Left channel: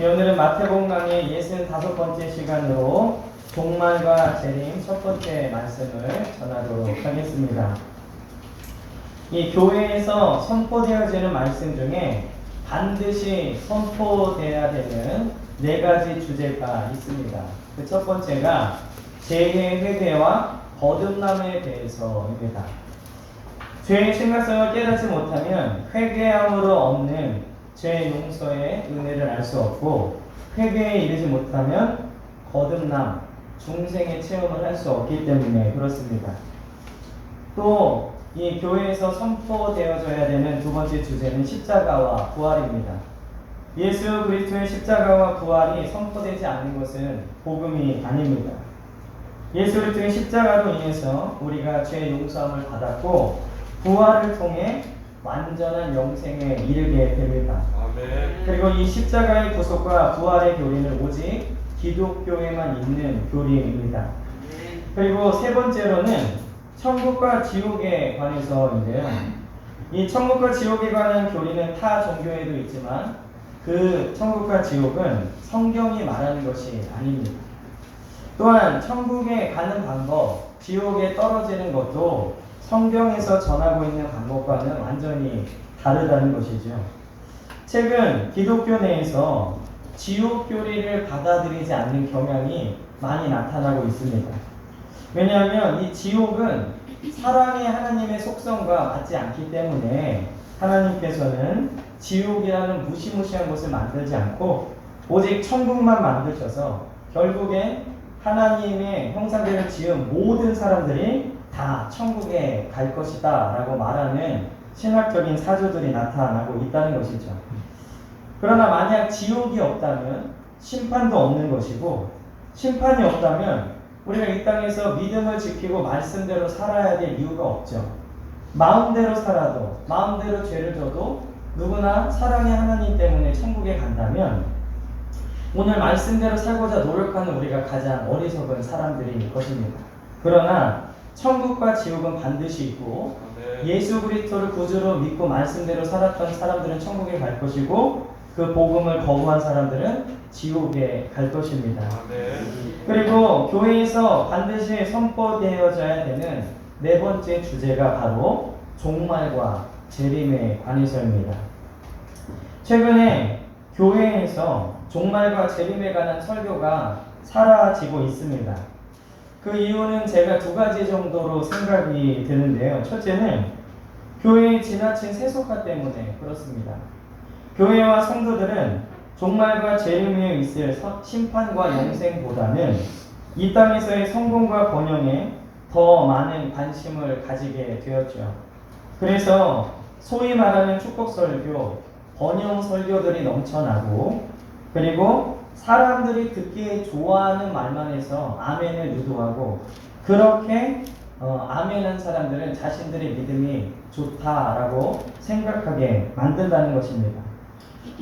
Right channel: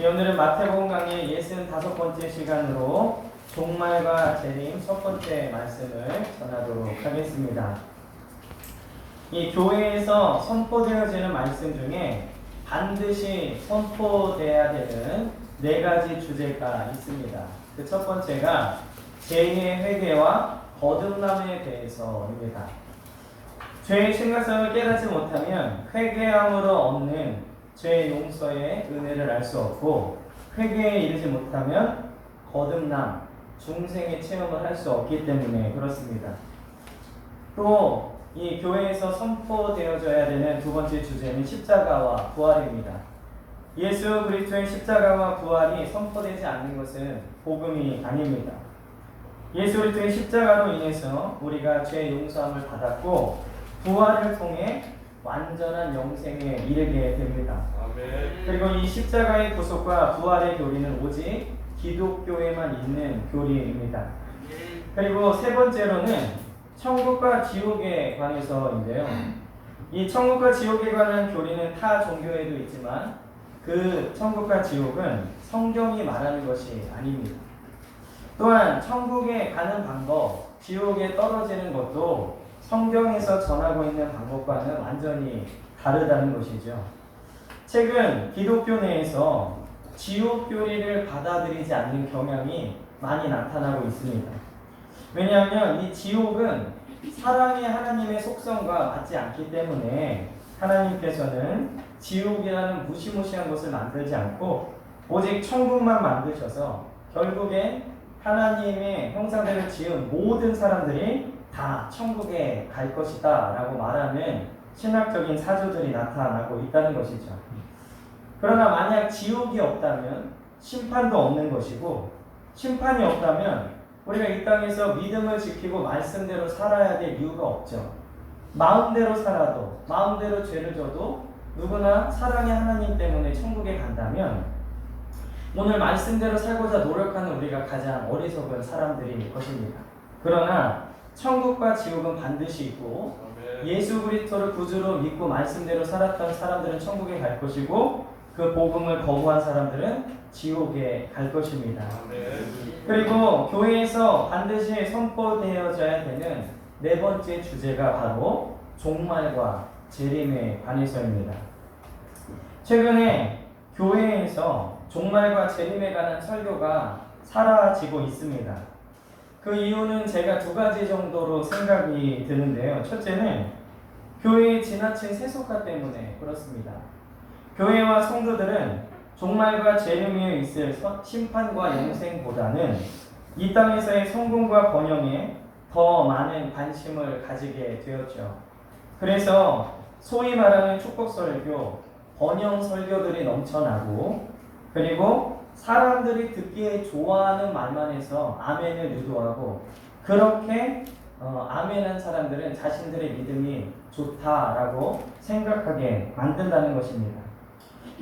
오늘은 마태복음 강의 65번째 시간으로 종말과 재림 첫 번째 말씀을 전하도록 하겠습니다. 이 교회에서 선포되어지는 말씀 중에 반드시 선포되어야 되는 네 가지 주제가 있습니다. 그 첫 번째가 재해 회개와 거듭남에 대해서입니다. 죄의 심각성을 깨닫지 못하면 회개함으로 얻는 죄 용서의 은혜를 알 수 없고, 회개에 이르지 못하면 거듭남, 중생의 체험을 할 수 없기 때문에 그렇습니다. 또 이 교회에서 선포되어져야 되는 두 번째 주제는 십자가와 부활입니다. 예수 그리스도의 십자가와 부활이 선포되지 않는 것은 복음이 아닙니다. 예수 그리스도의 십자가로 인해서 우리가 죄 용서함을 받았고, 부활을 통해 완전한 영생에 이르게 됩니다. 아멘. 그리고 이 십자가의 구속과 부활의 교리는 오직 기독교에만 있는 교리입니다. 그리고 세 번째로는 천국과 지옥에 관해서인데요. 이 천국과 지옥에 관한 교리는 타 종교에도 있지만 그 천국과 지옥은 성경이 말하는 것이 아닙니다. 또한 천국에 가는 방법, 지옥에 떨어지는 것도 성경에서 전하고 있는 방법과는 완전히 다르다는 것이죠. 최근 기독교 내에서 지옥 교리를 받아들이지 않는 경향이 많이 나타나고 있습니다. 왜냐하면 이 지옥은 사랑의 하나님의 속성과 맞지 않기 때문에 하나님께서는 지옥이라는 무시무시한 것을 만들지 않고 오직 천국만 만드셔서 결국에 하나님의 형상대로 지은 모든 사람들이 다 천국에 갈 것이다 라고 말하는 신학적인 사조들이 나타나고 있다는 것이죠. 그러나 만약 지옥이 없다면 심판도 없는 것이고, 심판이 없다면 우리가 이 땅에서 믿음을 지키고 말씀대로 살아야 될 이유가 없죠. 마음대로 살아도, 마음대로 죄를 져도 누구나 사랑의 하나님 때문에 천국에 간다면 오늘 말씀대로 살고자 노력하는 우리가 가장 어리석은 사람들일 것입니다. 그러나 천국과 지옥은 반드시 있고, 예수 그리스도를 구주로 믿고 말씀대로 살았던 사람들은 천국에 갈 것이고, 그 복음을 거부한 사람들은 지옥에 갈 것입니다. 그리고 교회에서 반드시 선포되어져야 되는 네 번째 주제가 바로 종말과 재림에 관해서입니다. 최근에 교회에서 종말과 재림에 관한 설교가 사라지고 있습니다. 그 이유는 제가 두 가지 정도로 생각이 드는데요. 첫째는 교회의 지나친 세속화 때문에 그렇습니다. 교회와 성도들은 종말과 재림에 있을 심판과 영생보다는 이 땅에서의 성공과 번영에 더 많은 관심을 가지게 되었죠. 그래서 소위 말하는 축복설교, 번영설교들이 넘쳐나고, 그리고 사람들이 듣기에 좋아하는 말만 해서 아멘을 유도하고, 그렇게 아멘한 사람들은 자신들의 믿음이 좋다라고 생각하게 만든다는 것입니다.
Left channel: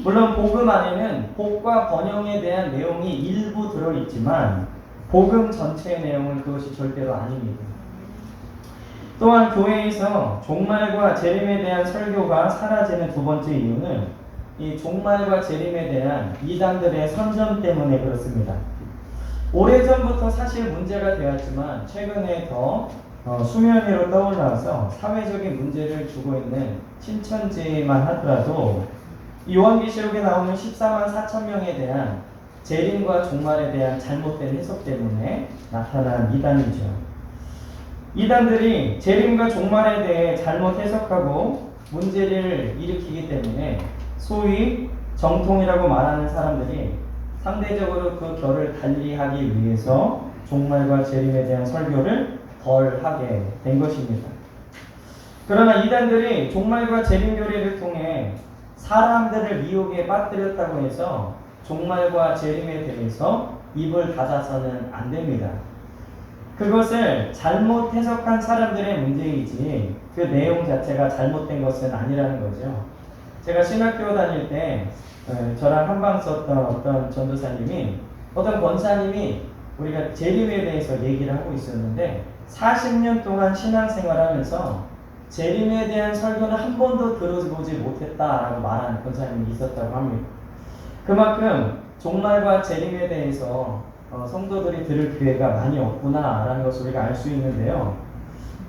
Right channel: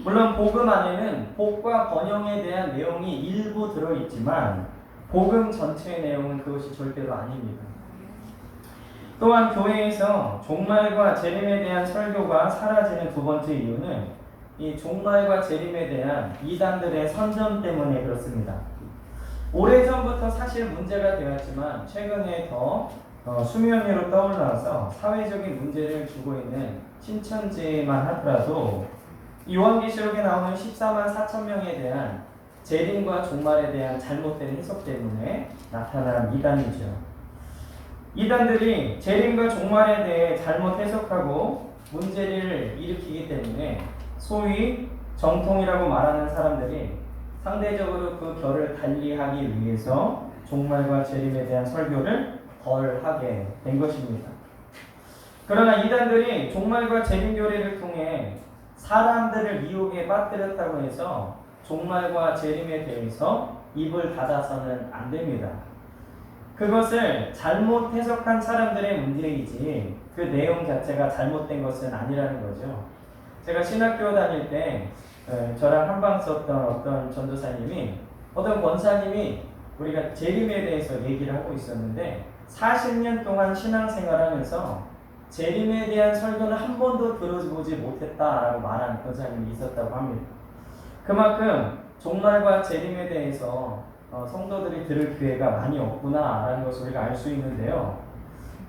물론 복음 안에는 복과 번영에 대한 내용이 일부 들어있지만 복음 전체의 내용은 그것이 절대로 아닙니다. 또한 교회에서 종말과 재림에 대한 설교가 사라지는 두 번째 이유는 이 종말과 재림에 대한 이단들의 선전 때문에 그렇습니다. 오래전부터 사실 문제가 되었지만 최근에 더 수면 위로 떠올라서 사회적인 문제를 주고 있는 신천지만 하더라도 요한계시록에 나오는 14만 4천 명에 대한 재림과 종말에 대한 잘못된 해석 때문에 나타난 이단이죠. 이단들이 재림과 종말에 대해 잘못 해석하고 문제를 일으키기 때문에 소위 정통이라고 말하는 사람들이 상대적으로 그 결을 달리하기 위해서 종말과 재림에 대한 설교를 덜 하게 된 것입니다. 그러나 이단들이 종말과 재림 교리를 통해 사람들을 미혹에 빠뜨렸다고 해서 종말과 재림에 대해서 입을 닫아서는 안 됩니다. 그것을 잘못 해석한 사람들의 문제이지 그 내용 자체가 잘못된 것은 아니라는 거죠. 제가 신학교 다닐 때 저랑 한방 썼던 어떤 전도사님이, 어떤 권사님이 우리가 재림에 대해서 얘기를 하고 있었는데 40년 동안 신앙생활하면서 재림에 대한 설교는 한 번도 들어보지 못했다라고 말하는 권사님이 있었다고 합니다. 그만큼 종말과 재림에 대해서 성도들이 들을 기회가 많이 없구나라는 것을 우리가 알 수 있는데요.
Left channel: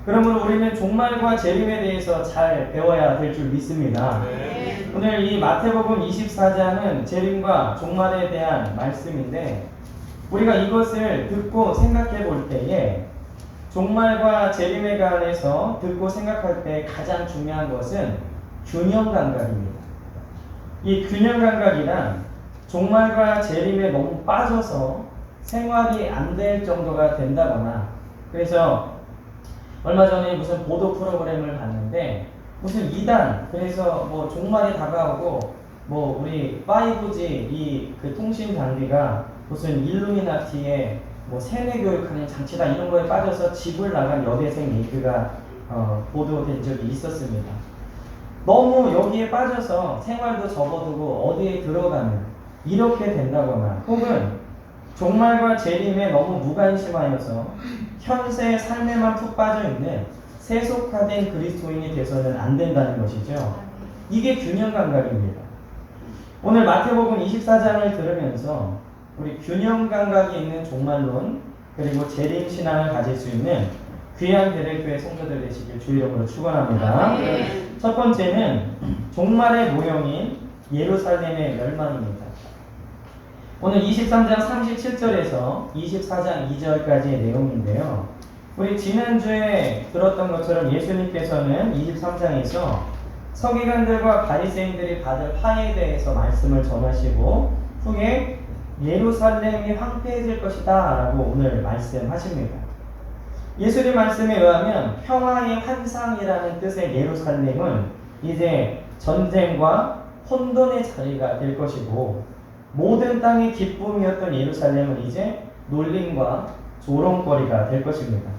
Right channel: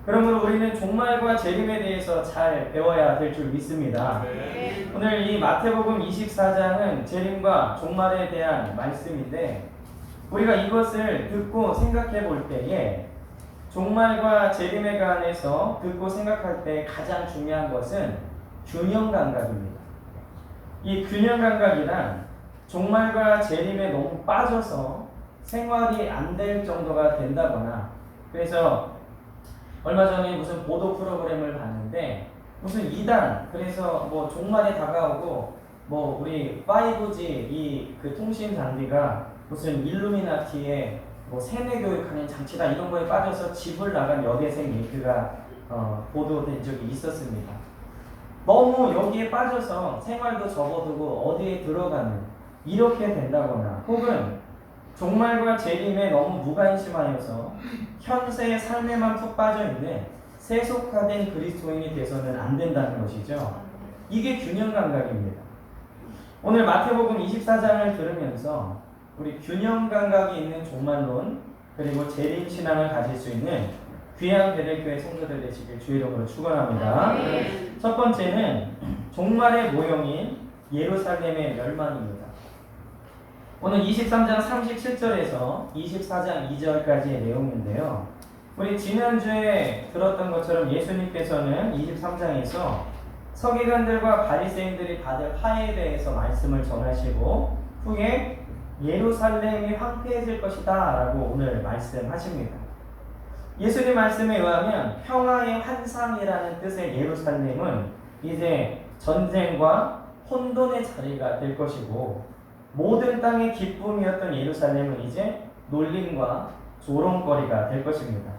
그러므로 우리는 종말과 재림에 대해서 잘 배워야 될 줄 믿습니다. 네. 오늘 이 마태복음 24장은 재림과 종말에 대한 말씀인데 우리가 이것을 듣고 생각해 볼 때에 종말과 재림에 관해서 듣고 생각할 때 가장 중요한 것은 균형 감각입니다. 이 균형 감각이란 종말과 재림에 너무 빠져서 생활이 안 될 정도가 된다거나, 그래서 얼마 전에 무슨 보도 프로그램을 봤는데 무슨 2단, 그래서 뭐 종말이 다가오고 뭐 우리 5G 이 그 통신 장비가 무슨 일루미나티의 뭐 세뇌 교육하는 장치다 이런 거에 빠져서 집을 나간 여대생 얘기가 보도된 적이 있었습니다. 너무 여기에 빠져서 생활도 접어두고 어디에 들어가는 이렇게 된다거나, 혹은 종말과 재림에 너무 무관심하여서 현세의 삶에만 푹 빠져있는 세속화된 그리스도인이 돼서는 안 된다는 것이죠. 이게 균형 감각입니다. 오늘 마태복음 24장을 들으면서 우리 균형 감각이 있는 종말론 그리고 재림 신앙을 가질 수 있는 귀한 베레교회 성도들 되시길 주 이름으로 축원합니다. 첫 번째는 종말의 모형인 예루살렘의 멸망입니다. 오늘 23장 37절에서 24장 2절까지의 내용인데요. 우리 지난주에 들었던 것처럼 예수님께서는 23장에서 서기관들과 바리새인들이 받을 화해에 대해서 말씀을 전하시고 후에 예루살렘이 황폐해질 것이다 라고 오늘 말씀하십니다. 예수님 말씀에 의하면 평화의 환상이라는 뜻의 예루살렘은 이제 전쟁과 혼돈의 자리가 될 것이고, 모든 땅의 기쁨이었던 예루살렘은 이제 놀림과 조롱거리가 될 것입니다.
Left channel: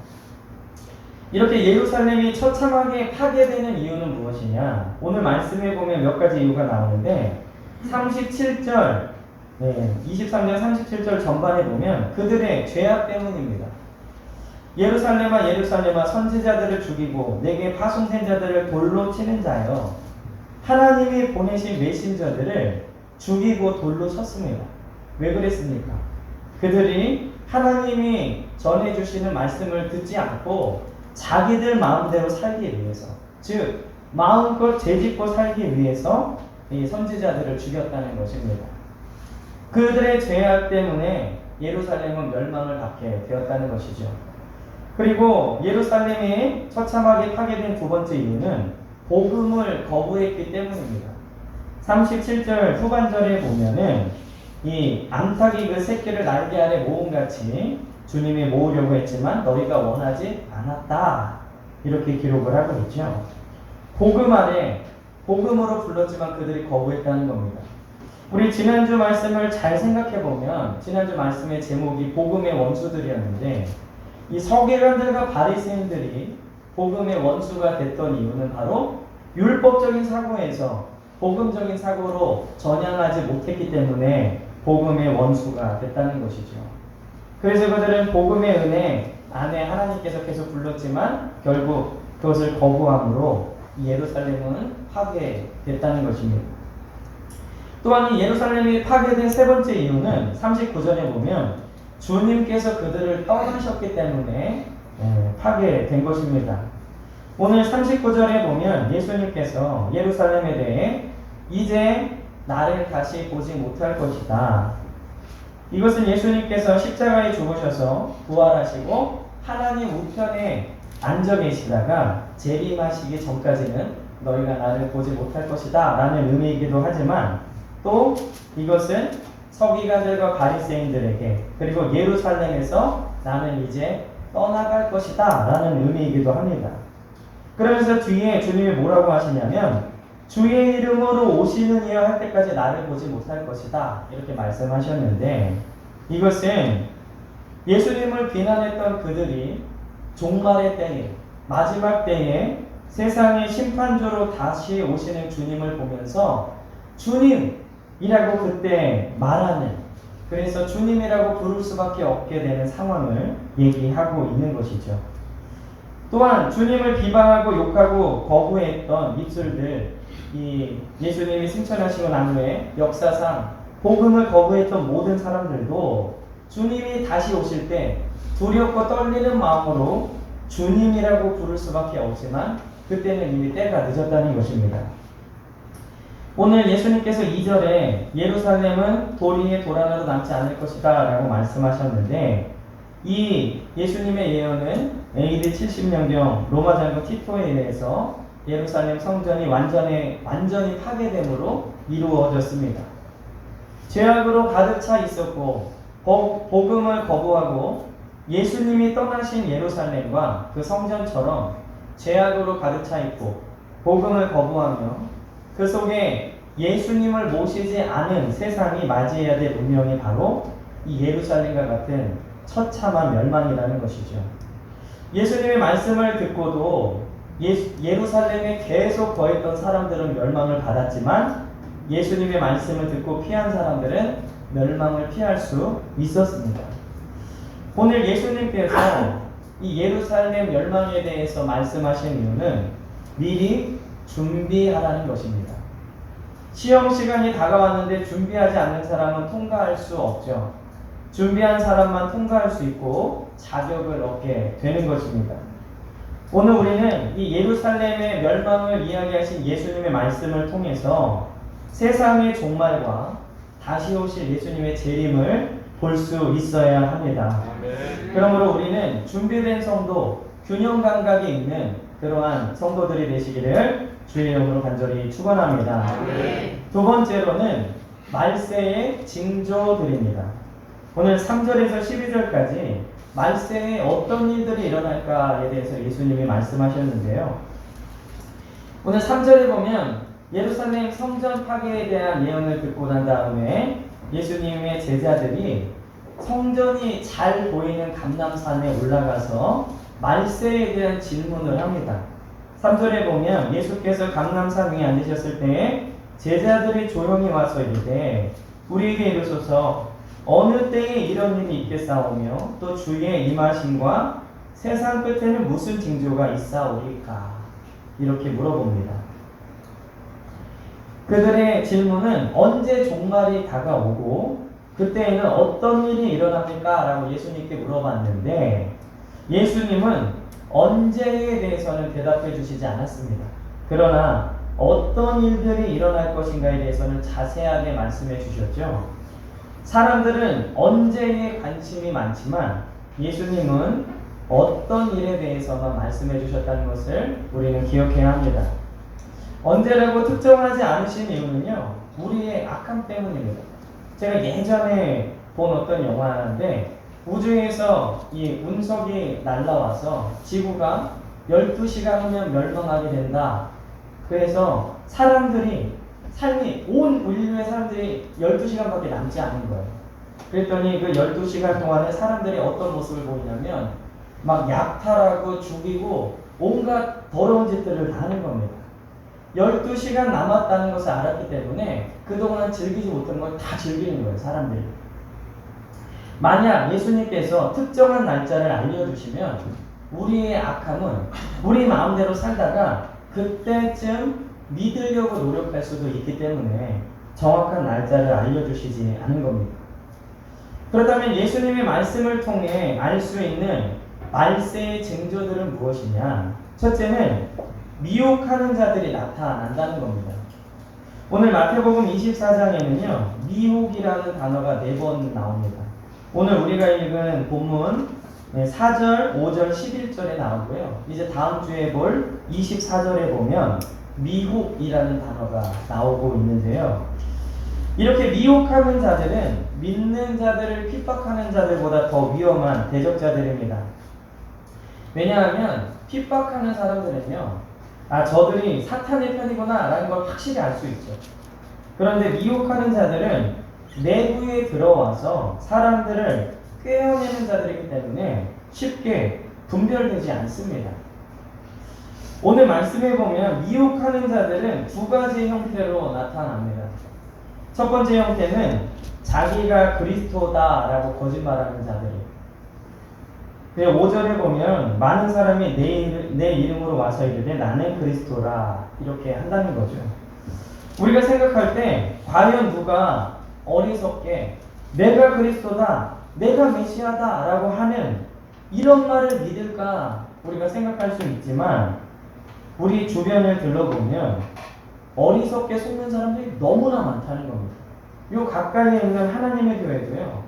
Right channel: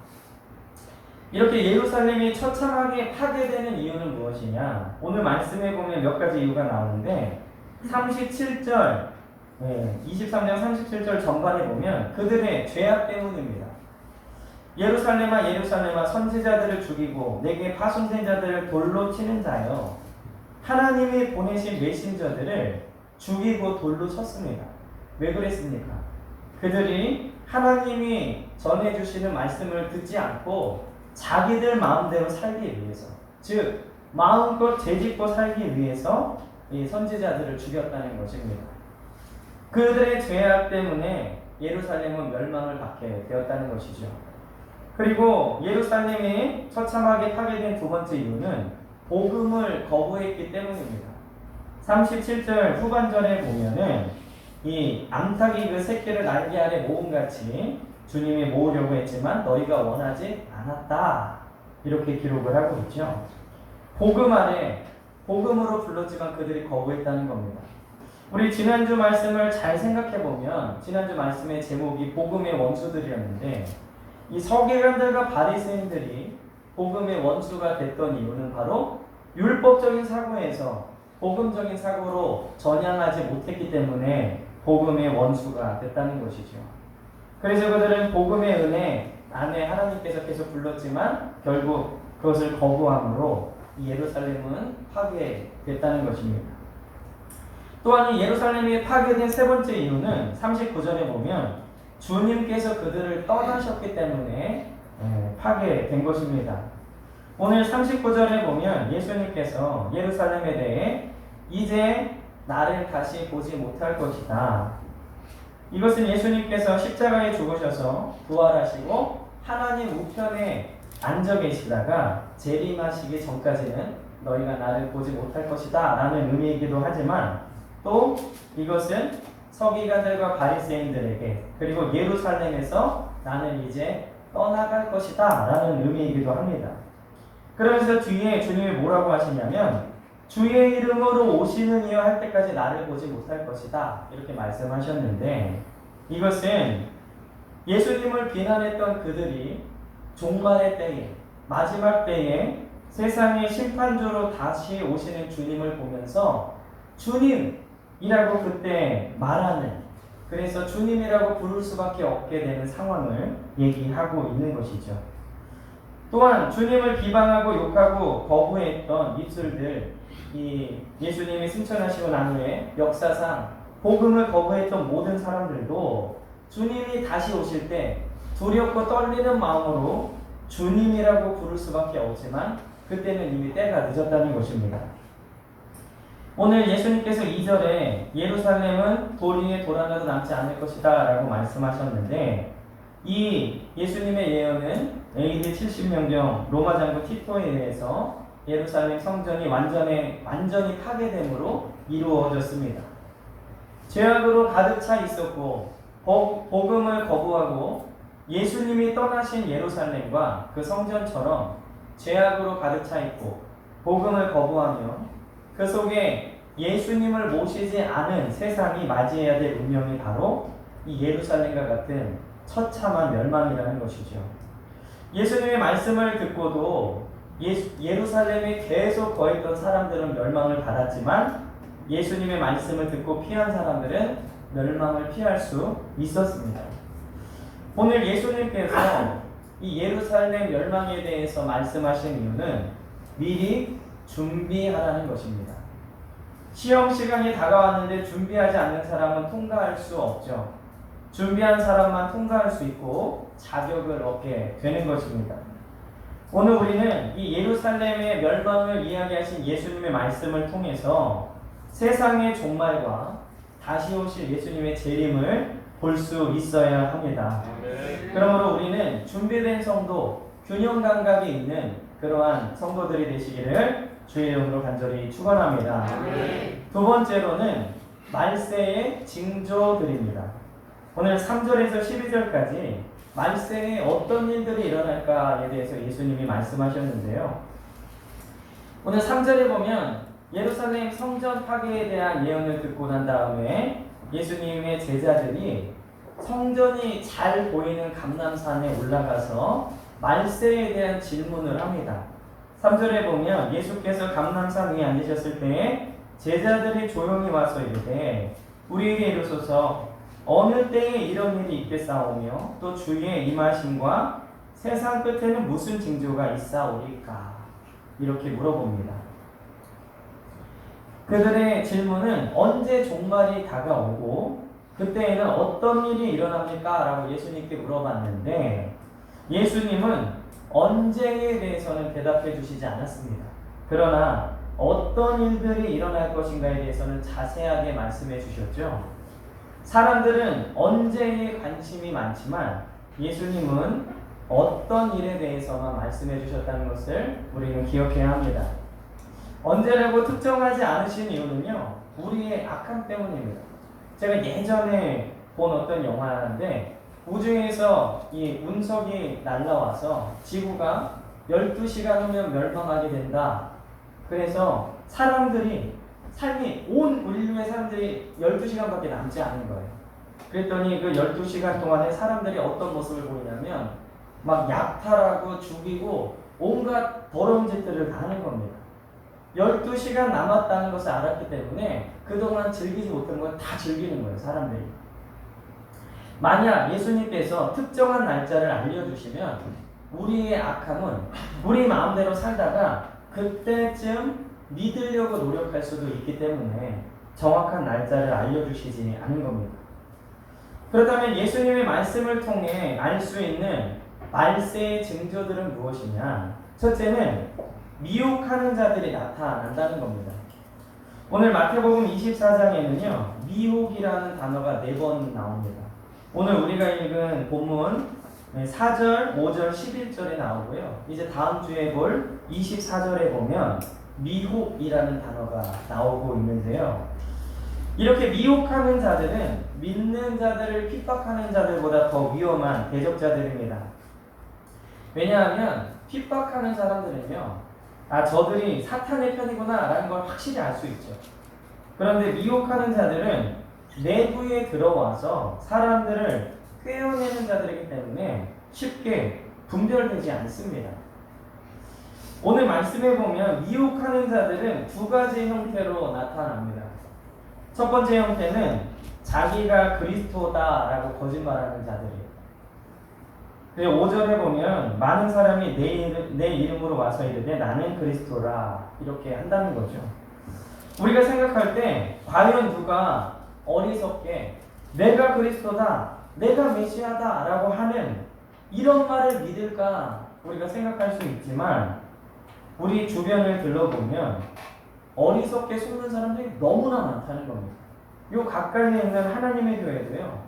이렇게 예루살렘이 처참하게 파괴되는 이유는 무엇이냐? 오늘 말씀에 보면 몇 가지 이유가 나오는데 37절, 23장 37절 전반에 보면 그들의 죄악 때문입니다. 예루살렘아 예루살렘아 선지자들을 죽이고 내게 파송된 자들을 돌로 치는 자여, 하나님이 보내신 메신저들을 죽이고 돌로 쳤습니다. 왜 그랬습니까? 그들이 하나님이 전해주시는 말씀을 듣지 않고 자기들 마음대로 살기 위해서, 즉 마음껏 죄짓고 살기 위해서 이 선지자들을 죽였다는 것입니다. 그들의 죄악 때문에 예루살렘은 멸망을 받게 되었다는 것이죠. 그리고 예루살렘이 처참하게 파괴된 두 번째 이유는 복음을 거부했기 때문입니다. 37절 후반절에 보면은 이 암탉이 그 새끼를 날개 아래 모음같이 주님이 모으려고 했지만 너희가 원하지 않았다, 이렇게 기록을 하고 있죠. 복음 안에 복음으로 불렀지만 그들이 거부했다는 겁니다. 우리 지난주 말씀을 잘 생각해 보면 지난주 말씀의 제목이 복음의 원수들이었는데, 이 서기관들과 바리새인들이 복음의 원수가 됐던 이유는 바로 율법적인 사고에서 복음적인 사고로 전향하지 못했기 때문에 복음의 원수가 됐다는 것이죠. 그래서 그들은 복음의 은혜 안에 하나님께서 계속 불렀지만 결국 그것을 거부함으로 예루살렘은 파괴됐다는 것입니다. 또한 예루살렘이 파괴된 세 번째 이유는 39절에 보면 주님께서 그들을 떠나셨기 때문에 파괴된 것입니다. 오늘 39절에 보면 예수님께서 예루살렘에 대해 이제 나를 다시 보지 못할 것이다. 이것은 예수님께서 십자가에 죽으셔서 부활하시고 하나님 우편에 앉아 계시다가 재림하시기 전까지는 너희가 나를 보지 못할 것이다 라는 의미이기도 하지만, 또 이것은 서기관들과 바리새인들에게 그리고 예루살렘에서 나는 이제 떠나갈 것이다 라는 의미이기도 합니다. 그러면서 뒤에 주님이 뭐라고 하시냐면 주의 이름으로 오시는 이여 할 때까지 나를 보지 못할 것이다, 이렇게 말씀하셨는데, 이것은 예수님을 비난했던 그들이 종말의 때에, 마지막 때에 세상의 심판조로 다시 오시는 주님을 보면서 주님이라고 그때 말하는, 그래서 주님이라고 부를 수밖에 없게 되는 상황을 얘기하고 있는 것이죠. 또한 주님을 비방하고 욕하고 거부했던 입술들, 이 예수님이 승천하시고 난 후에 역사상 복음을 거부했던 모든 사람들도 주님이 다시 오실 때 두렵고 떨리는 마음으로 주님이라고 부를 수밖에 없지만 그때는 이미 때가 늦었다는 것입니다. 오늘 예수님께서 2절에 예루살렘은 돌 위에 돌 하나도 남지 않을 것이다 라고 말씀하셨는데, 이 예수님의 예언은 AD 70년경 로마 장군 티토에 의해서 예루살렘 성전이 완전히 파괴됨으로 이루어졌습니다. 죄악으로 가득 차 있었고 복음을 거부하고 예수님이 떠나신 예루살렘과 그 성전처럼 죄악으로 가득 차 있고 복음을 거부하며 그 속에 예수님을 모시지 않은 세상이 맞이해야 될 운명이 바로 이 예루살렘과 같은 처참한 멸망이라는 것이죠. 예수님의 말씀을 듣고도 예루살렘에 계속 거했던 사람들은 멸망을 받았지만 예수님의 말씀을 듣고 피한 사람들은 멸망을 피할 수 있었습니다. 오늘 예수님께서 이 예루살렘 멸망에 대해서 말씀하신 이유는 미리 준비하라는 것입니다. 시험 시간이 다가왔는데 준비하지 않는 사람은 통과할 수 없죠. 준비한 사람만 통과할 수 있고 자격을 얻게 되는 것입니다. 오늘 우리는 이 예루살렘의 멸망을 이야기하신 예수님의 말씀을 통해서 세상의 종말과 다시 오실 예수님의 재림을 볼 수 있어야 합니다. 그러므로 우리는 준비된 성도, 균형 감각이 있는 그러한 성도들이 되시기를 주의 이름으로 간절히 축원합니다. 두 번째로는 말세의 징조들입니다. 오늘 3절에서 12절까지 말세에 어떤 일들이 일어날까에 대해서 예수님이 말씀하셨는데요. 오늘 3절에 보면 예루살렘 성전 파괴에 대한 예언을 듣고 난 다음에 예수님의 제자들이 성전이 잘 보이는 감람산에 올라가서 말세에 대한 질문을 합니다. 3절에 보면 예수께서 감람산 위에 앉으셨을 때 제자들이 조용히 와서 이르되 우리에게 이르소서 어느 때에 이런 일이 있겠사오며 또 주의 임하심과 세상 끝에는 무슨 징조가 있사오리까? 이렇게 물어봅니다. 그들의 질문은 언제 종말이 다가오고 그때에는 어떤 일이 일어납니까? 라고 예수님께 물어봤는데 예수님은 언제에 대해서는 대답해 주시지 않았습니다. 그러나 어떤 일들이 일어날 것인가에 대해서는 자세하게 말씀해 주셨죠. 사람들은 언제에 관심이 많지만 예수님은 어떤 일에 대해서만 말씀해 주셨다는 것을 우리는 기억해야 합니다. 언제라고 특정하지 않으신 이유는요, 우리의 악함 때문입니다. 제가 예전에 본 어떤 영화인데 우주에서 이 운석이 날라와서 지구가 12시간 후면 멸망하게 된다. 그래서 삶이 온 인류의 사람들이 12시간밖에 남지 않은 거예요. 그랬더니 그 12시간 동안에 사람들이 어떤 모습을 보이냐면 막 약탈하고 죽이고 온갖 더러운 짓들을 다 하는 겁니다. 12시간 남았다는 것을 알았기 때문에 그동안 즐기지 못한 걸 다 즐기는 거예요, 사람들이. 만약 예수님께서 특정한 날짜를 알려주시면 우리의 악함은 우리 마음대로 살다가 그때쯤 믿으려고 노력할 수도 있기 때문에 정확한 날짜를 알려주시지 않은 겁니다. 그렇다면 예수님의 말씀을 통해 알 수 있는 말세의 징조들은 무엇이냐? 첫째는 미혹하는 자들이 나타난다는 겁니다. 오늘 마태복음 24장에는요, 미혹이라는 단어가 4번 나옵니다. 오늘 우리가 읽은 본문 4절, 5절, 11절에 나오고요. 이제 다음 주에 볼 24절에 보면 미혹이라는 단어가 나오고 있는데요. 이렇게 미혹하는 자들은 믿는 자들을 핍박하는 자들보다 더 위험한 대적자들입니다. 왜냐하면 핍박하는 사람들은요, 저들이 사탄의 편이구나 라는 걸 확실히 알 수 있죠. 그런데 미혹하는 자들은 내부에 들어와서 사람들을 꿰어내는 자들이기 때문에 쉽게 분별되지 않습니다. 오늘 말씀에 보면 미혹하는 자들은 두 가지 형태로 나타납니다. 첫 번째 형태는 자기가 그리스도다라고 거짓말하는 자들이에요. 5절에 보면 많은 사람이 내 이름으로 와서 이르되 나는 그리스도라 이렇게 한다는 거죠. 우리가 생각할 때 과연 누가 어리석게 내가 그리스도다, 내가 메시아다 라고 하는 이런 말을 믿을까 우리가 생각할 수 있지만, 우리 주변을 둘러보면 어리석게 속는 사람들이 너무나 많다는 겁니다. 요 가까이에 있는 하나님의 교회도요,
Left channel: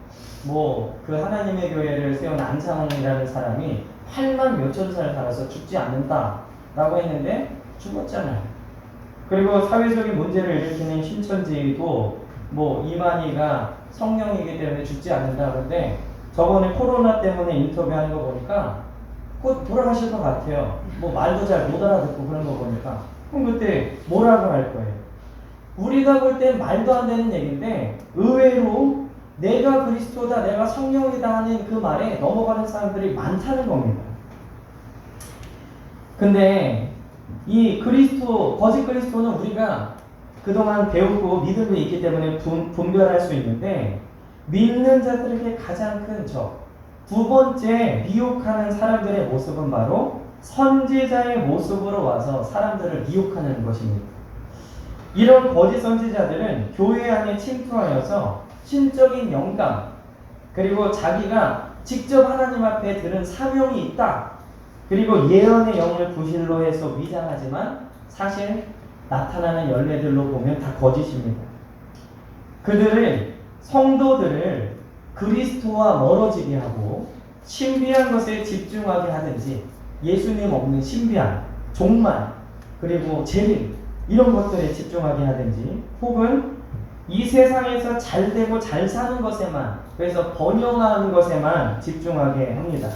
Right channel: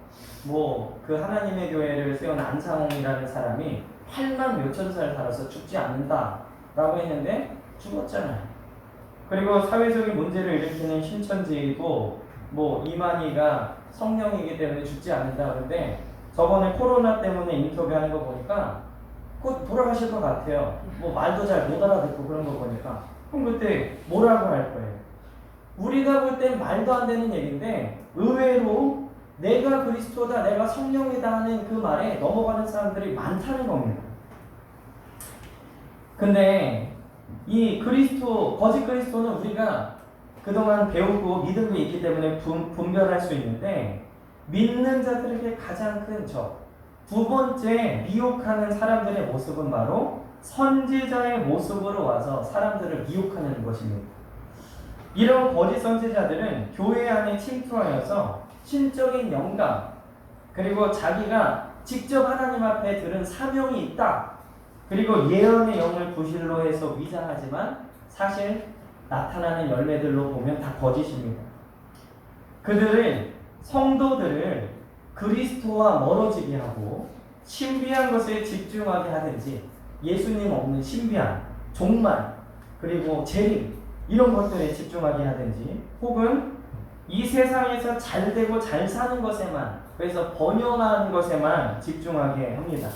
뭐 그 하나님의 교회를 세운 안상홍이라는 사람이 8만 몇천 살 살아서 죽지 않는다 라고 했는데 죽었잖아요. 그리고 사회적인 문제를 일으키는 신천지도 뭐 이만희가 성령이기 때문에 죽지 않는다 그런데, 저번에 코로나 때문에 인터뷰하는 거 보니까 곧 돌아가실 것 같아요. 뭐 말도 잘 못 알아듣고 그런 거 보니까. 그럼 그때 뭐라고 할 거예요? 우리가 볼 땐 말도 안 되는 얘기인데 의외로 내가 그리스도다, 내가 성령이다 하는 그 말에 넘어가는 사람들이 많다는 겁니다. 근데 이 그리스도, 거짓 그리스도는 우리가 그동안 배우고 믿음이 있기 때문에 분별할 수 있는데, 믿는 자들에게 가장 큰 적, 두 번째 미혹하는 사람들의 모습은 바로 선지자의 모습으로 와서 사람들을 미혹하는 것입니다. 이런 거짓 선지자들은 교회 안에 침투하여서 신적인 영감, 그리고 자기가 직접 하나님 앞에 들은 사명이 있다, 그리고 예언의 영을 부실로 해서 위장하지만 사실 나타나는 열매들로 보면 다 거짓입니다. 그들을, 성도들을 그리스도와 멀어지게 하고 신비한 것에 집중하게 하든지, 예수님 없는 신비한 종말 그리고 재림 이런 것들에 집중하게 하든지, 혹은 이 세상에서 잘 되고 잘 사는 것에만, 그래서 번영하는 것에만 집중하게 합니다.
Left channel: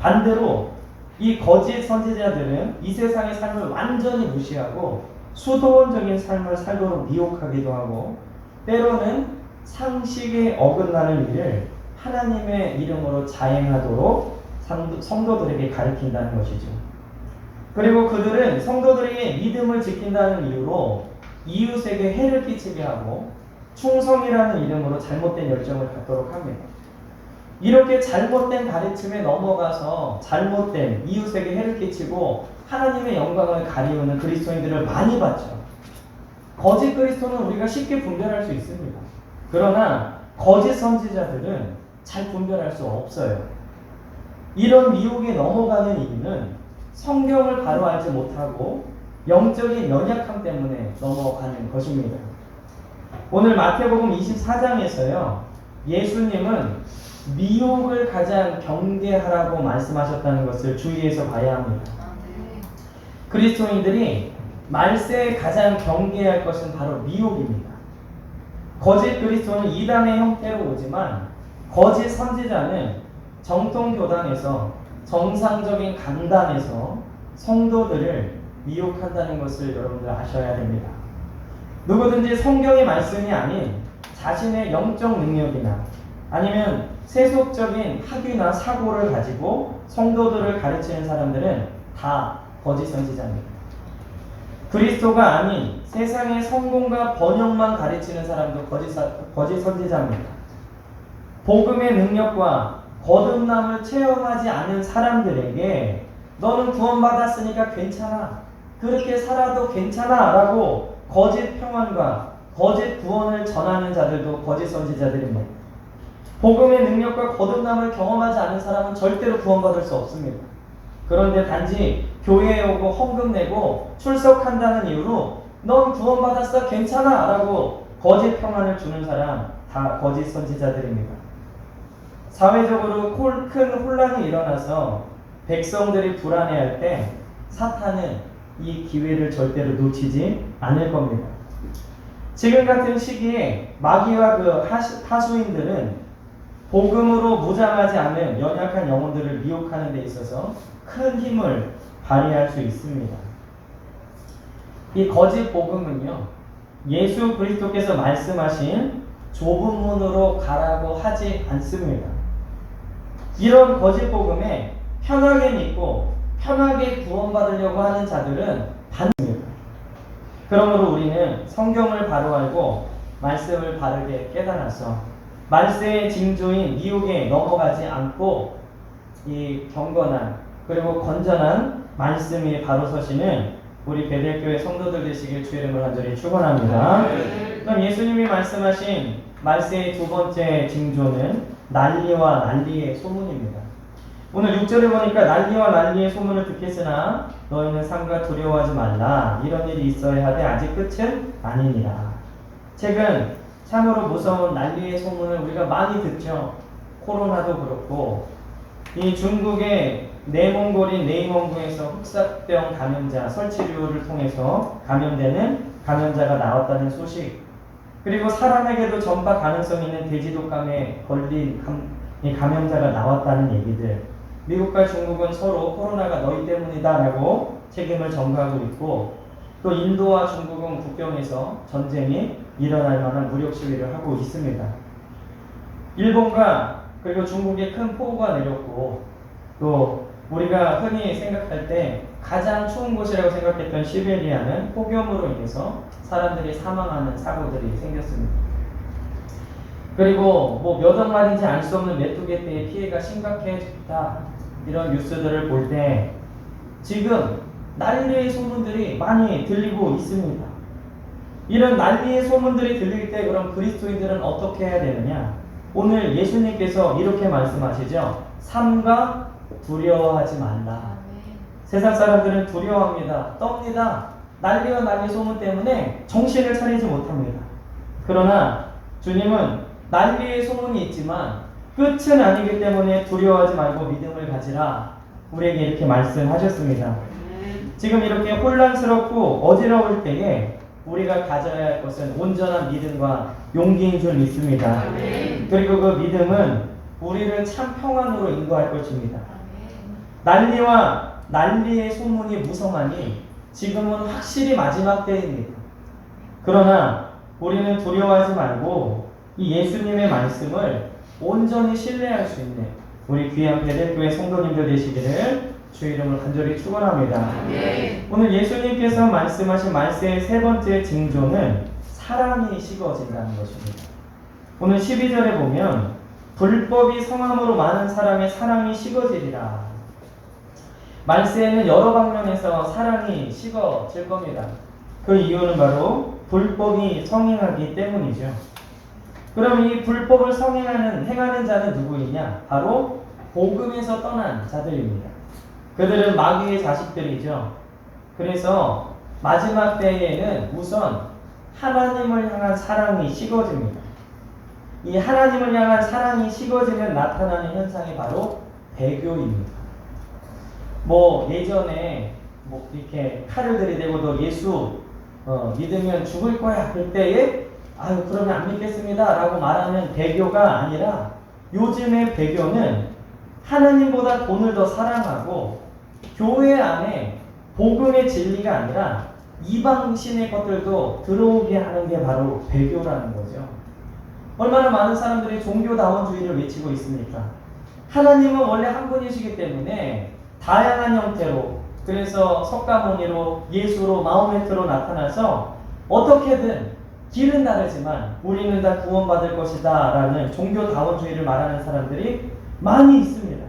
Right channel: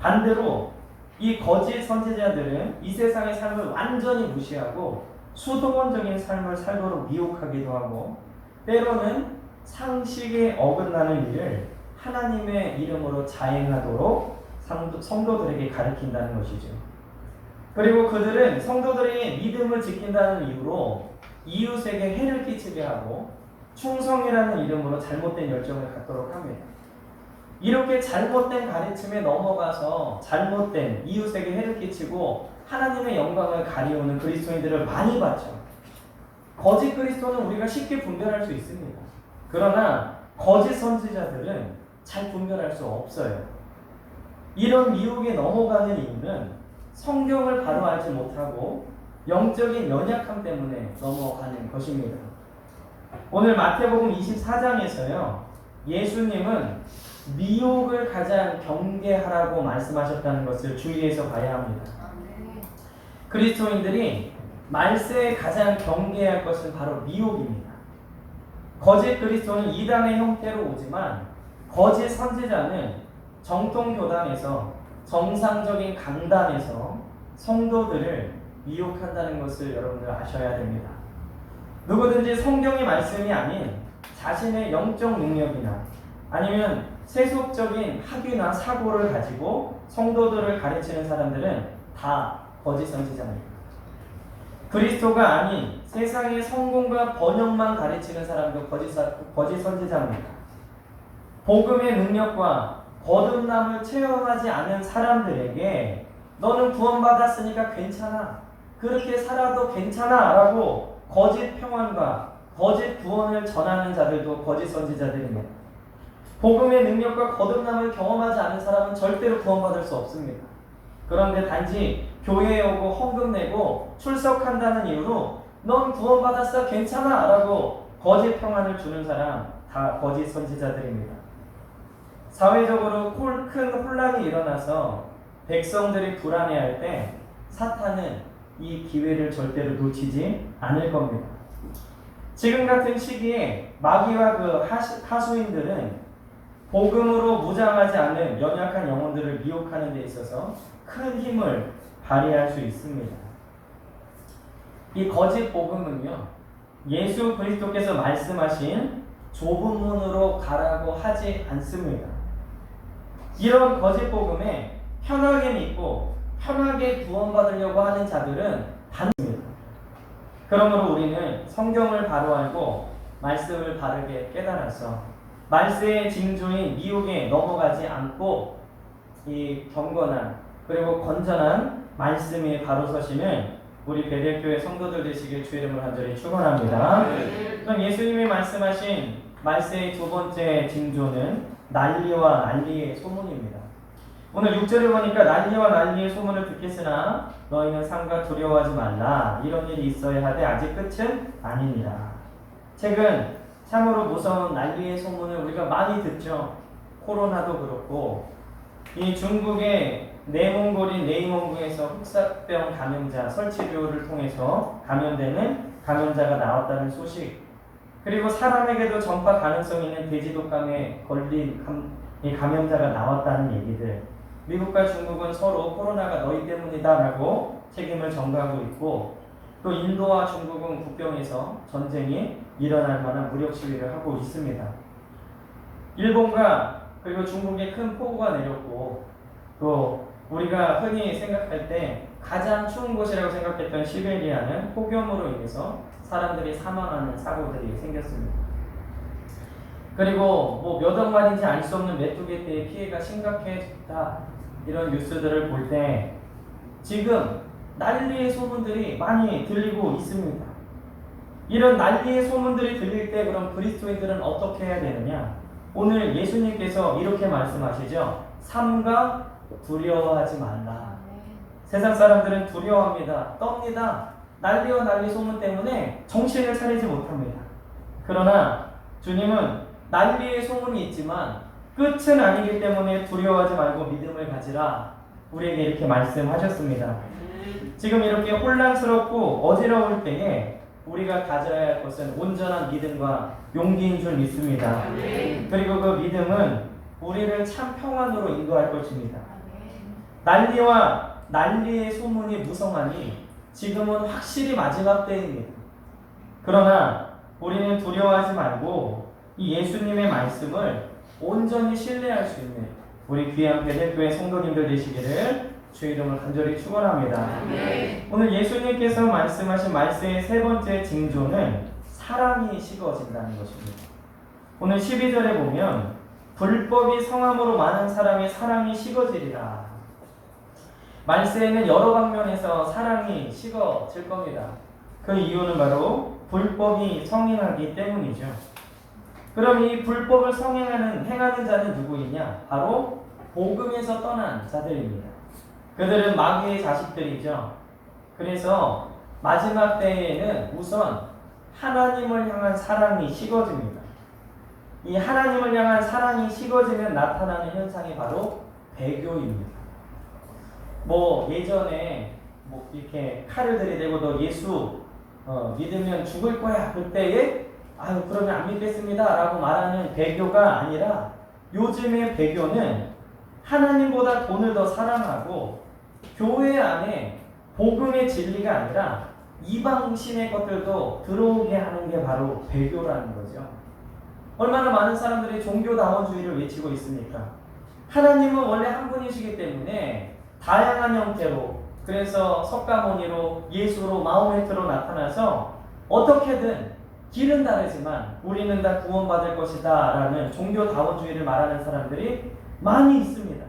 반대로 이 거짓 선지자들은 이 세상의 삶을 완전히 무시하고 수도원적인 삶을 살도록 미혹하기도 하고, 때로는 상식에 어긋나는 일을 하나님의 이름으로 자행하도록 성도들에게 가르친다는 것이죠. 그리고 그들은 성도들에게 믿음을 지킨다는 이유로 이웃에게 해를 끼치게 하고 충성이라는 이름으로 잘못된 열정을 갖도록 합니다. 이렇게 잘못된 가르침에 넘어가서 잘못된 이웃에게 해를 끼치고 하나님의 영광을 가리우는 그리스도인들을 많이 봤죠. 거짓 그리스도는 우리가 쉽게 분별할 수 있습니다. 그러나 거짓 선지자들은 잘 분별할 수 없어요. 이런 미혹에 넘어가는 이유는 성경을 바로 알지 못하고 영적인 연약함 때문에 넘어가는 것입니다. 오늘 마태복음 24장에서요, 예수님은 미혹을 가장 경계하라고 말씀하셨다는 것을 주의해서 봐야 합니다. 그리스도인들이 말세에 가장 경계할 것은 바로 미혹입니다. 거짓 그리스도는 이단의 형태로 오지만 거짓 선지자는 정통 교단에서, 정상적인 강단에서 성도들을 미혹한다는 것을 여러분들 아셔야 됩니다. 누구든지 성경의 말씀이 아닌 자신의 영적 능력이나 아니면 세속적인 학위나 사고를 가지고 성도들을 가르치는 사람들은 다 거짓 선지자입니다. 그리스도가 아닌 세상의 성공과 번영만 가르치는 사람도 거짓 선지자입니다. 복음의 능력과 거듭남을 체험하지 않은 사람들에게 너는 구원받았으니까 괜찮아, 그렇게 살아도 괜찮아 라고 거짓 평안과 거짓 구원을 전하는 자들도 거짓 선지자들입니다. 복음의 능력과 거듭남을 경험하지 않은 사람은 절대로 구원받을 수 없습니다. 그런데 단지 교회에 오고 헌금 내고 출석한다는 이유로 넌 구원받았어 괜찮아 라고 거짓 평안을 주는 사람 다 거짓 선지자들입니다. 사회적으로 큰 혼란이 일어나서 백성들이 불안해할 때 사탄은 이 기회를 절대로 놓치지 않을 겁니다. 지금 같은 시기에 마귀와 그 하수인들은 복음으로 무장하지 않은 연약한 영혼들을 미혹하는 데 있어서 큰 힘을 발휘할 수 있습니다. 이 거짓 복음은요, 예수 그리스도께서 말씀하신 좁은 문으로 가라고 하지 않습니다. 이런 거짓 복음에 편하게 믿고 편하게 구원받으려고 하는 자들은 반입니다. 그러므로 우리는 성경을 바로 알고 말씀을 바르게 깨달아서 말세의 징조인 미혹에 넘어가지 않고 이 경건한 그리고 건전한 말씀이 바로 서시는 우리 베델교회 성도들 되시길 주의 이름으로 간절히 축원합니다. 그럼 예수님이 말씀하신 말세의 두 번째 징조는 난리와 난리의 소문입니다. 오늘 6절을 보니까 난리와 난리의 소문을 듣겠으나 너희는 삼가 두려워하지 말라. 이런 일이 있어야 하되 아직 끝은 아니니라. 최근 참으로 무서운 난리의 소문을 우리가 많이 듣죠. 코로나도 그렇고 이 중국의 내몽골인 네이몽구에서 흑사병 감염자 설치류를 통해서 감염되는 감염자가 나왔다는 소식, 그리고 사람에게도 전파 가능성이 있는 돼지독감에 걸린 감염자가 나왔다는 얘기들, 미국과 중국은 서로 코로나가 너희 때문이다라고 책임을 전가하고 있고, 또 인도와 중국은 국경에서 전쟁이 일어날 만한 무력 시위를 하고 있습니다. 일본과 그리고 중국에 큰 폭우가 내렸고, 또 우리가 흔히 생각할 때 가장 추운 곳이라고 생각했던 시베리아는 폭염으로 인해서 사람들이 사망하는 사고들이 생겼습니다. 그리고 뭐 몇 억 마리인지 알 수 없는 메뚜기떼의 피해가 심각해졌다, 이런 뉴스들을 볼 때 지금 난리의 소문들이 많이 들리고 있습니다. 이런 난리의 소문들이 들릴 때 그럼 그리스도인들은 어떻게 해야 되느냐? 오늘 예수님께서 이렇게 말씀하시죠. 삼가 두려워하지 말라. 세상 사람들은 두려워합니다. 떱니다. 난리와 난리 소문 때문에 정신을 차리지 못합니다. 그러나 주님은 난리의 소문이 있지만 끝은 아니기 때문에 두려워하지 말고 믿음을 가지라, 우리에게 이렇게 말씀하셨습니다. 지금 이렇게 혼란스럽고 어지러울 때에 우리가 가져야 할 것은 온전한 믿음과 용기인 줄 믿습니다. 그리고 그 믿음은 우리를 참 평안으로 인도할 것입니다. 난리와 난리의 소문이 무성하니 지금은 확실히 마지막 때입니다. 그러나 우리는 두려워하지 말고 이 예수님의 말씀을 온전히 신뢰할 수 있는 우리 귀한 베델교회 성도님들 되시기를 주 이름으로 간절히 축원합니다. 오늘 예수님께서 말씀하신 말세의 세 번째 징조는 사랑이 식어진다는 것입니다. 오늘 12절에 보면 불법이 성함으로 많은 사람의 사랑이 식어지리라. 말세에는 여러 방면에서 사랑이 식어질 겁니다. 그 이유는 바로 불법이 성행하기 때문이죠. 그럼 이 불법을 행하는 자는 누구이냐? 바로 복음에서 떠난 자들입니다. 그들은 마귀의 자식들이죠. 그래서 마지막 때에는 우선 하나님을 향한 사랑이 식어집니다. 이 하나님을 향한 사랑이 식어지면 나타나는 현상이 바로 배교입니다. 예전에 이렇게 칼을 들이대고 너 예수 믿으면 죽을 거야, 그때에 아유 그러면 안 믿겠습니다 라고 말하는 배교가 아니라, 요즘의 배교는 하나님보다 돈을 더 사랑하고 교회 안에 복음의 진리가 아니라 이방신의 것들도 들어오게 하는 게 바로 배교라는 거죠. 얼마나 많은 사람들이 종교다원주의를 외치고 있습니까? 하나님은 원래 한 분이시기 때문에 다양한 형태로, 그래서 석가모니로, 예수로, 마호메트로 나타나서 어떻게든 길은 다르지만 우리는 다 구원받을 것이다 라는 종교다원주의를 말하는 사람들이 많이 있습니다.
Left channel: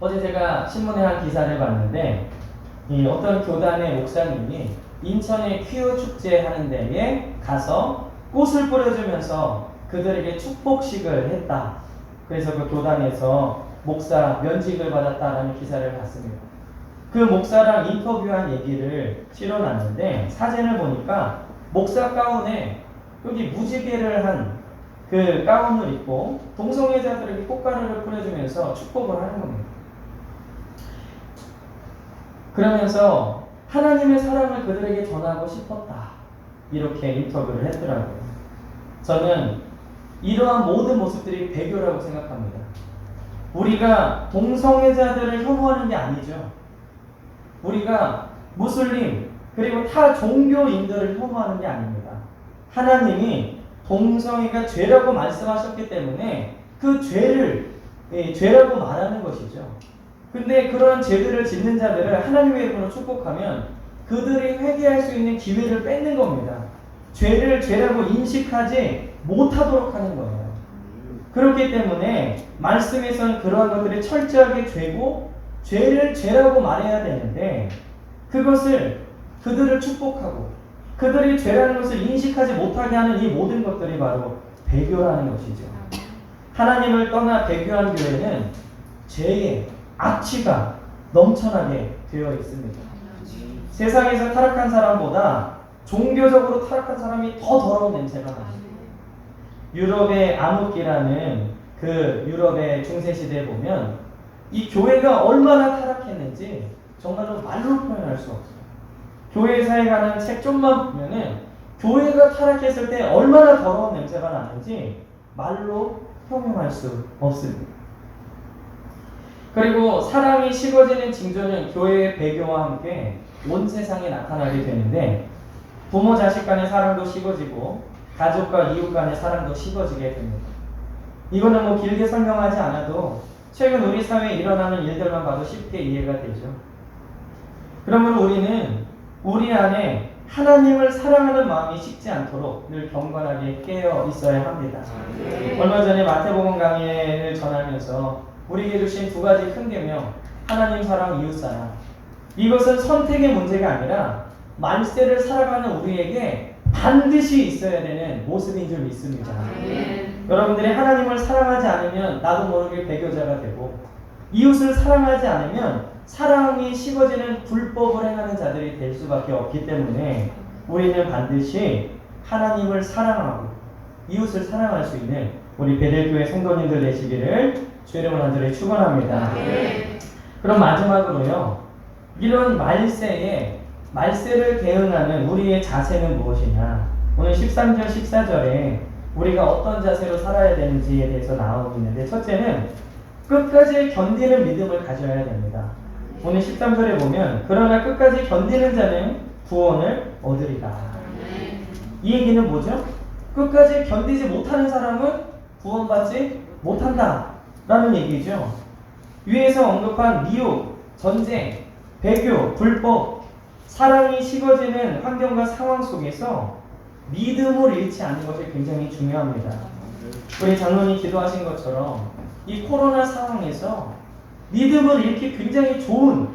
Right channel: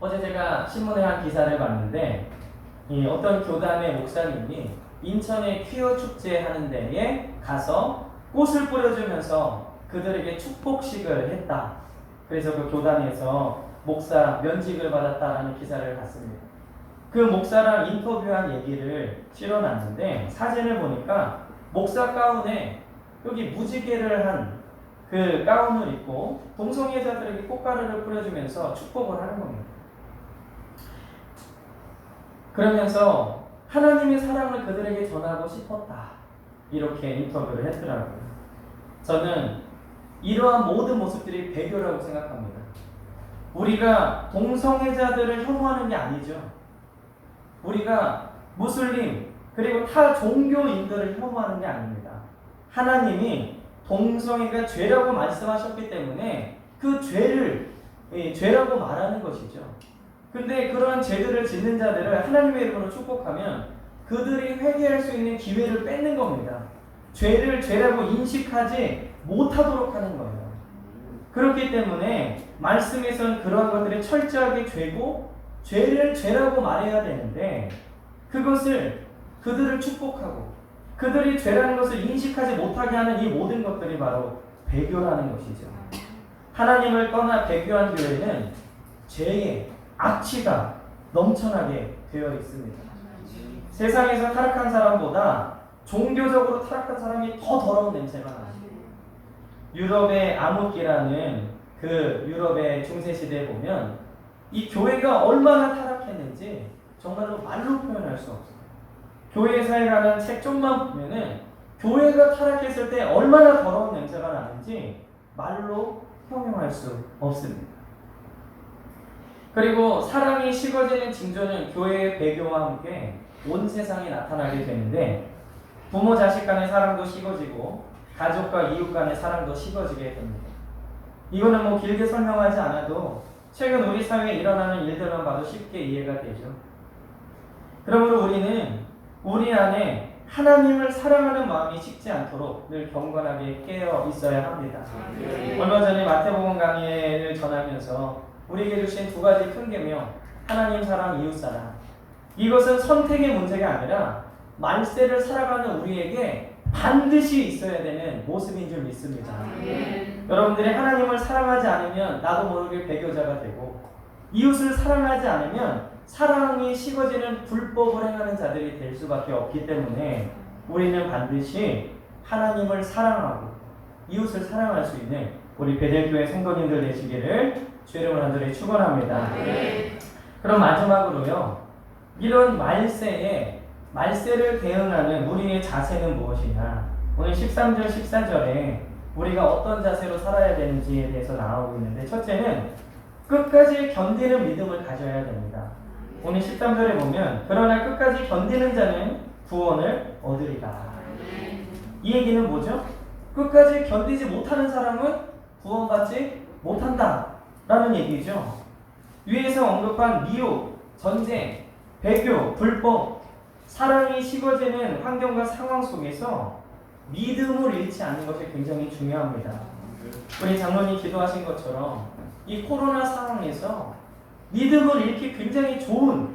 어제 제가 신문에 한 기사를 봤는데, 어떤 교단의 목사님이 인천에 퀴어 축제 하는 데에 가서 꽃을 뿌려주면서 그들에게 축복식을 했다. 그래서 그 교단에서 목사 면직을 받았다라는 기사를 봤습니다. 그 목사랑 인터뷰한 얘기를 실어놨는데, 사진을 보니까 목사 가운에 여기 무지개를 한 그 가운을 입고 동성애자들에게 꽃가루를 뿌려주면서 축복을 하는 겁니다. 그러면서 하나님의 사랑을 그들에게 전하고 싶었다, 이렇게 인터뷰를 했더라고요. 저는 이러한 모든 모습들이 배교라고 생각합니다. 우리가 동성애자들을 혐오하는 게 아니죠. 우리가 무슬림 그리고 타 종교인들을 혐오하는 게 아닙니다. 하나님이 동성애가 죄라고 말씀하셨기 때문에 그 죄를 죄라고 말하는 것이죠. 근데 그런 죄들을 짓는 자들을 하나님의 이름으로 축복하면 그들이 회개할 수 있는 기회를 뺏는 겁니다. 죄를 죄라고 인식하지 못하도록 하는 거예요. 그렇기 때문에 말씀에서는 그러한 것들이 철저하게 죄고 죄를 죄라고 말해야 되는데, 그것을 그들을 축복하고 그들이 죄라는 것을 인식하지 못하게 하는 이 모든 것들이 바로 배교라는 것이죠. 하나님을 떠나 배교한 교회는 죄의 악취가 넘쳐나게 되어 있습니다. 세상에서 타락한 사람보다 종교적으로 타락한 사람이 더 더러운 냄새가 납니다. 유럽의 암흑기라는 그 유럽의 중세시대에 보면 이 교회가 얼마나 타락했는지 정말로 말로 표현할 수 없어요. 교회사에 관한 책 좀만 보면은 교회가 타락했을 때 얼마나 더러운 냄새가 나는지 말로 형용할 수 없습니다. 그리고 사랑이 식어지는 징조는 교회의 배교와 함께 온 세상에 나타나게 되는데 부모 자식 간의 사랑도 식어지고 가족과 이웃 간의 사랑도 식어지게 됩니다. 이거는 뭐 길게 설명하지 않아도 최근 우리 사회에 일어나는 일들만 봐도 쉽게 이해가 되죠. 그러므로 우리는 우리 안에 하나님을 사랑하는 마음이 식지 않도록 늘 경건하게 깨어 있어야 합니다. 얼마 전에 마태복음 강해를 전하면서 우리에게 주신 두 가지 큰 계명, 하나님 사랑, 이웃 사랑. 이것은 선택의 문제가 아니라 말세를 살아가는 우리에게 반드시 있어야 되는 모습인 줄 믿습니다. 여러분들이 하나님을 사랑하지 않으면 나도 모르게 배교자가 되고, 이웃을 사랑하지 않으면 사랑이 식어지는 불법을 행하는 자들이 될 수밖에 없기 때문에 우리는 반드시 하나님을 사랑하고 이웃을 사랑할 수 있는 우리 베델교회 성도님들 되시기를 주의 이름으로 간절히 축원합니다. 그럼 마지막으로요, 이런 말세를 대응하는 우리의 자세는 무엇이냐? 오늘 13절 14절에 우리가 어떤 자세로 살아야 되는지에 대해서 나오고 있는데, 첫째는 끝까지 견디는 믿음을 가져야 됩니다. 오늘 13절에 보면 그러나 끝까지 견디는 자는 구원을 얻으리라. 이 얘기는 뭐죠? 끝까지 견디지 못하는 사람은 구원받지 못한다 라는 얘기죠. 위에서 언급한 미혹, 전쟁, 배교, 불법, 사랑이 식어지는 환경과 상황 속에서 믿음을 잃지 않는 것이 굉장히 중요합니다. 우리 장로님이 기도하신 것처럼 이 코로나 상황에서 믿음을 잃기 굉장히 좋은,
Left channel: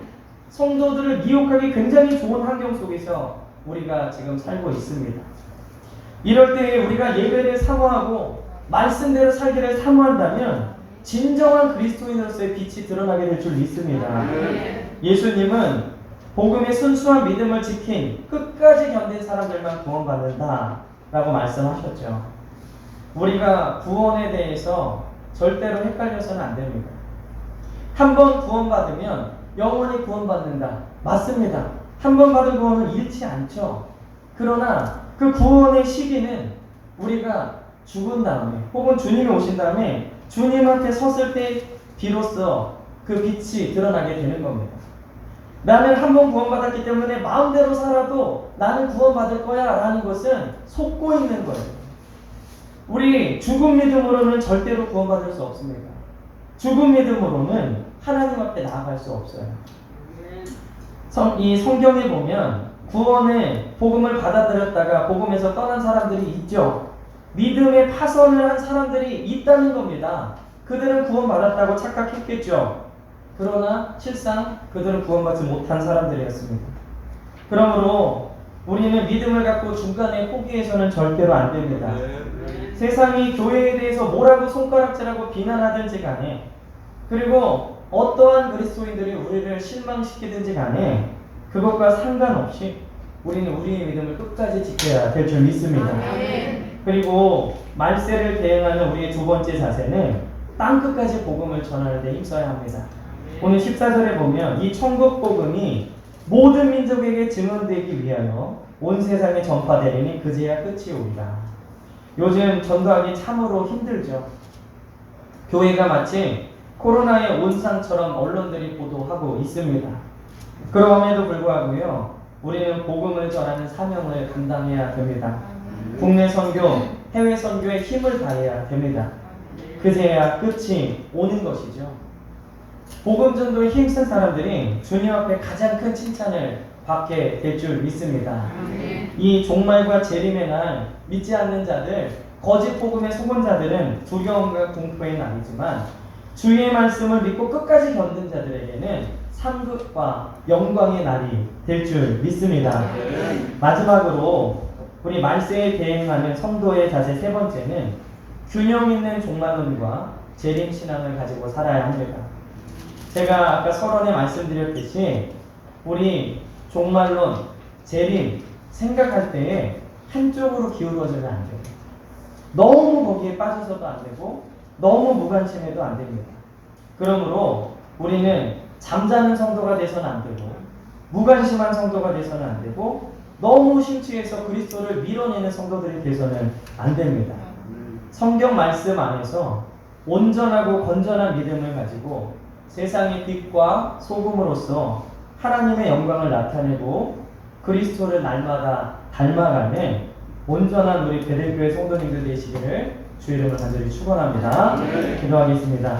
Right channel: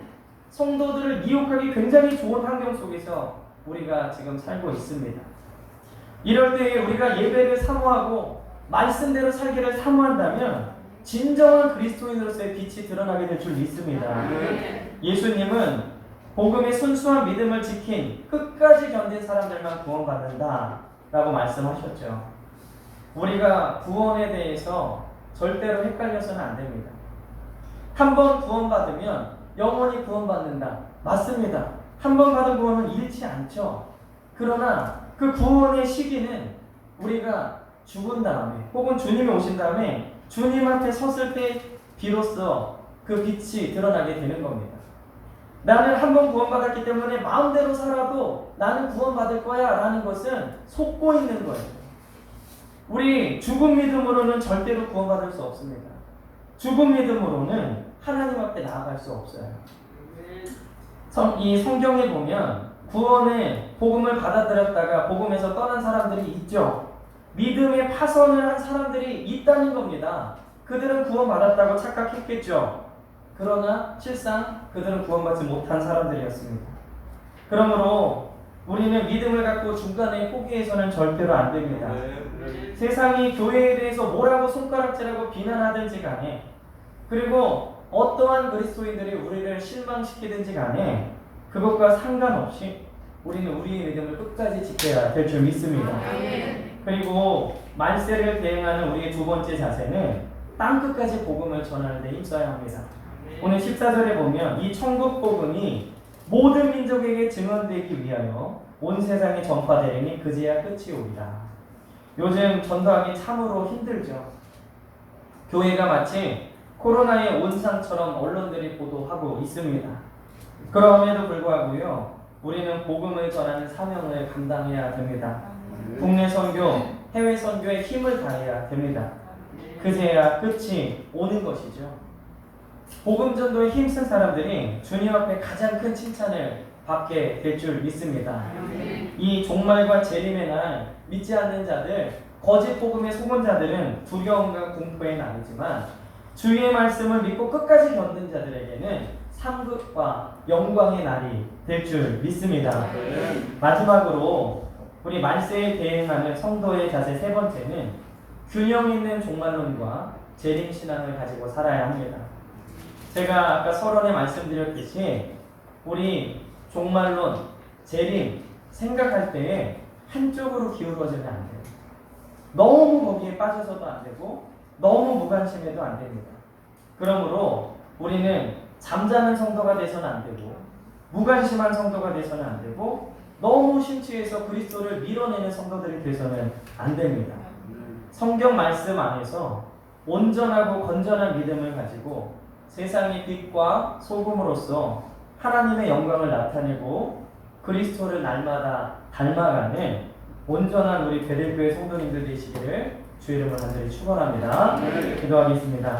성도들을 미혹하기 굉장히 좋은 환경 속에서 우리가 지금 살고 있습니다. 이럴 때에 우리가 예배를 사모하고 말씀대로 살기를 사모한다면 진정한 그리스도인으로서의 빛이 드러나게 될 줄 믿습니다. 예수님은 복음의 순수한 믿음을 지킨 끝까지 견딘 사람들만 구원받는다 라고 말씀하셨죠. 우리가 구원에 대해서 절대로 헷갈려서는 안 됩니다. 한 번 구원받으면 영원히 구원받는다. 맞습니다. 한 번 받은 구원은 잃지 않죠. 그러나 그 구원의 시기는 우리가 죽은 다음에 혹은 주님이 오신 다음에 주님한테 섰을 때 비로소 그 빛이 드러나게 되는 겁니다. 나는 한 번 구원받았기 때문에 마음대로 살아도 나는 구원받을 거야 라는 것은 속고 있는 거예요. 우리 죽은 믿음으로는 절대로 구원받을 수 없습니다. 죽은 믿음으로는 하나님 앞에 나아갈 수 없어요. 이 성경에 보면 구원의 복음을 받아들였다가 복음에서 떠난 사람들이 있죠. 믿음의 파선을 한 사람들이 있다는 겁니다. 그들은 구원받았다고 착각했겠죠. 그러나 실상 그들은 구원받지 못한 사람들이었습니다. 그러므로 우리는 믿음을 갖고 중간에 포기해서는 절대로 안 됩니다. 세상이 교회에 대해서 뭐라고 손가락질하고 비난하든지 간에, 그리고 어떠한 그리스도인들이 우리를 실망시키든지 간에 그것과 상관없이 우리는 우리의 믿음을 끝까지 지켜야 될 줄 믿습니다. 그리고 말세를 대응하는 우리의 두 번째 자세는 땅끝까지 복음을 전하는 데 힘써야 합니다. 오늘 14절에 보면 이 천국 복음이 모든 민족에게 증언되기 위하여 온 세상에 전파되리니 그제야 끝이 오리라. 요즘 전도하기 참으로 힘들죠. 교회가 마치 코로나의 온상처럼 언론들이 보도하고 있습니다. 그럼에도 불구하고요, 우리는 복음을 전하는 사명을 감당해야 됩니다. 국내 선교, 해외 선교에 힘을 다해야 됩니다. 그제야 끝이 오는 것이죠. 복음 전도에 힘쓴 사람들이 주님 앞에 가장 큰 칭찬을 받게 될 줄 믿습니다. 이 종말과 재림의 날 믿지 않는 자들, 거짓 복음에 속은 자들은 두려움과 공포의 날이지만 주의 말씀을 믿고 끝까지 견딘 자들에게는 상급과 영광의 날이 될 줄 믿습니다. 마지막으로 우리 말세에 대응하는 성도의 자세 세 번째는 균형 있는 종말론과 재림 신앙을 가지고 살아야 합니다. 제가 아까 서론에 말씀드렸듯이 우리 종말론, 재림 생각할 때에 한쪽으로 기울어지면 안 돼요. 너무 거기에 빠져서도 안 되고 너무 무관심해도 안 됩니다. 그러므로 우리는 잠자는 성도가 돼서는 안 되고 무관심한 성도가 돼서는 안 되고 너무 심취해서 그리스도를 밀어내는 성도들이 돼서는 안 됩니다. 성경 말씀 안에서 온전하고 건전한 믿음을 가지고 세상의 빛과 소금으로서 하나님의 영광을 나타내고 그리스도를 날마다 닮아가는 온전한 우리 베델교회 성도님들 되시기를 주의 이름으로 간절히 축원합니다. 기도하겠습니다.